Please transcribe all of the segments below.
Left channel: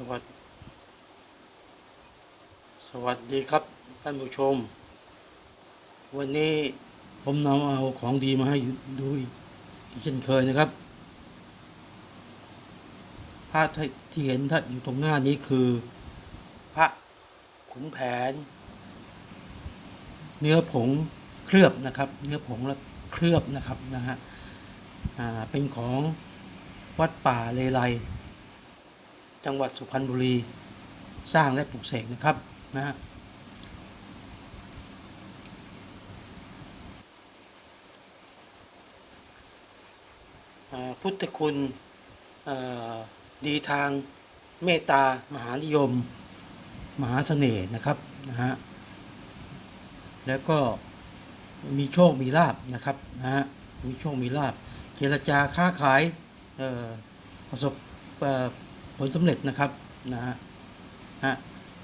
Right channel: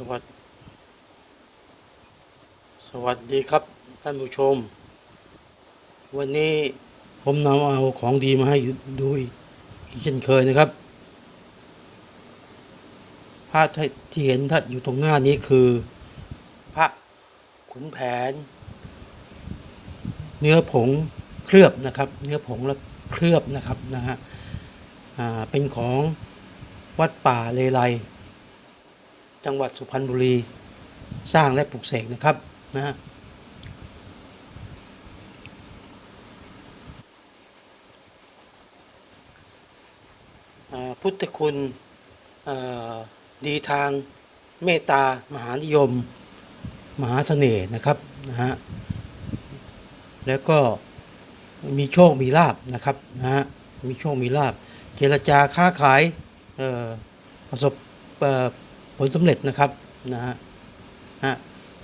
สวัสดีสวัสดีครับท่านผู้ชม วันนี้ผมนำเอาของดีมาให้ดูอีกเช่นเคยนะครับพระที่เห็นท่านอยู่ตรงหน้านี้คือ พระขุนแผน เนื้อผงเคลือบนะครับ เนื้อผงแล้วเคลือบนะครับนะฮะเป็นของวัดป่าเลไล จังหวัดสุพรรณบุรีสร้างและปลูกเสกนะครับนะฮะพุทธคุณดีทางเมตตามหานิยม มหาเสน่ห์นะครับนะฮะแล้วก็มีโชคมีลาบนะครับนะฮะมีโชคมีลาบเจรจาค้าขายประสบ ผลสำเร็จนะครับนะฮะฮะ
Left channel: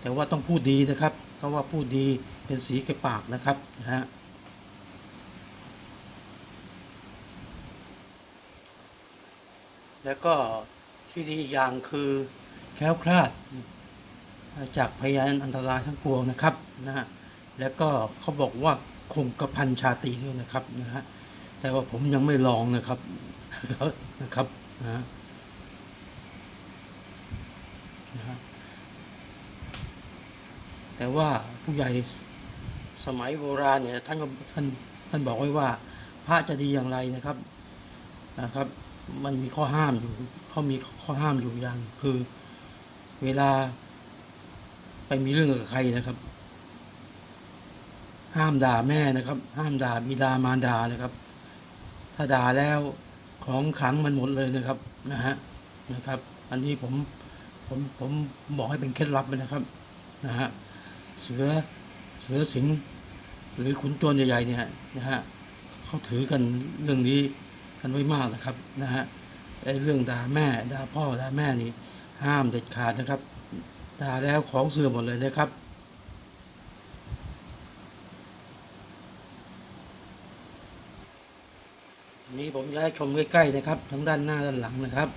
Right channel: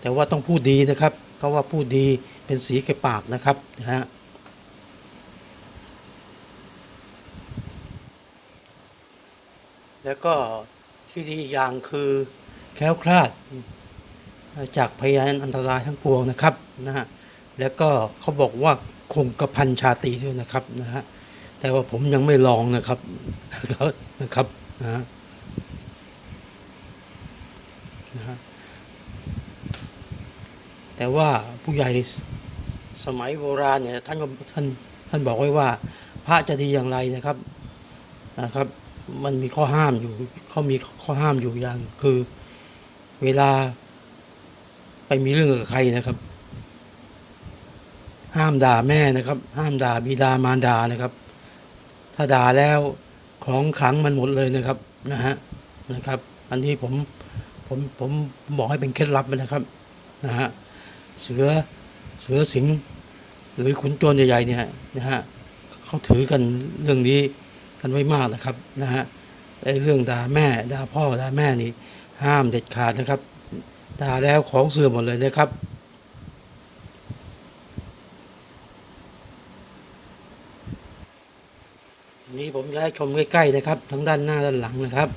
แต่ว่าต้องพูดดีนะครับเขาว่าพูดดีเป็นสีแก่ปากนะครับนะฮะแล้วก็ที่ดีอย่างคือแคล้วคลาดจากพยานอันตรายทั้งปวงนะครับนะฮะแล้วก็เขาบอกว่าคงกระพันชาตรีด้วยนะครับนะฮะแต่ว่าผมยังไม่ลองนะครับนะครับนะฮะ นะฮะแต่ว่าผู้ใหญ่สมัยโบราณเนี่ยท่านก็ท่านท่านบอกไว้ว่า พระจะดีอย่างไรนะครับนะครับ มันมีข้อห้ามอยู่เขามีข้อห้ามอยู่อย่าง คือเวลาไปมีเรื่องกับใครนะครับ ห้ามด่าแม่นะครับ ห้ามด่าบิดามารดานะครับ ถ้าด่าแล้วของขังมันหมดเลยนะครับนะฮะนะครับ อันนี้ผม ผมผมบอกให้เป็นเคล็ดลับนะครับนะฮะเสือเสือสิงห์หรือขุนโจรใหญ่ๆเนี่ยนะฮะเขาถือกันเรื่องนี้กันไว้มากนะครับนะฮะไอ้เรื่องด่าแม่ด่าพ่อด่าแม่นี่ห้ามเด็ดขาดนะครับด่าแล้วของเสื่อมหมดเลยนะครับนี้ผมจะให้ชมใกล้ๆนะครับ ทั้งด้านหน้าด้านหลังนะครับ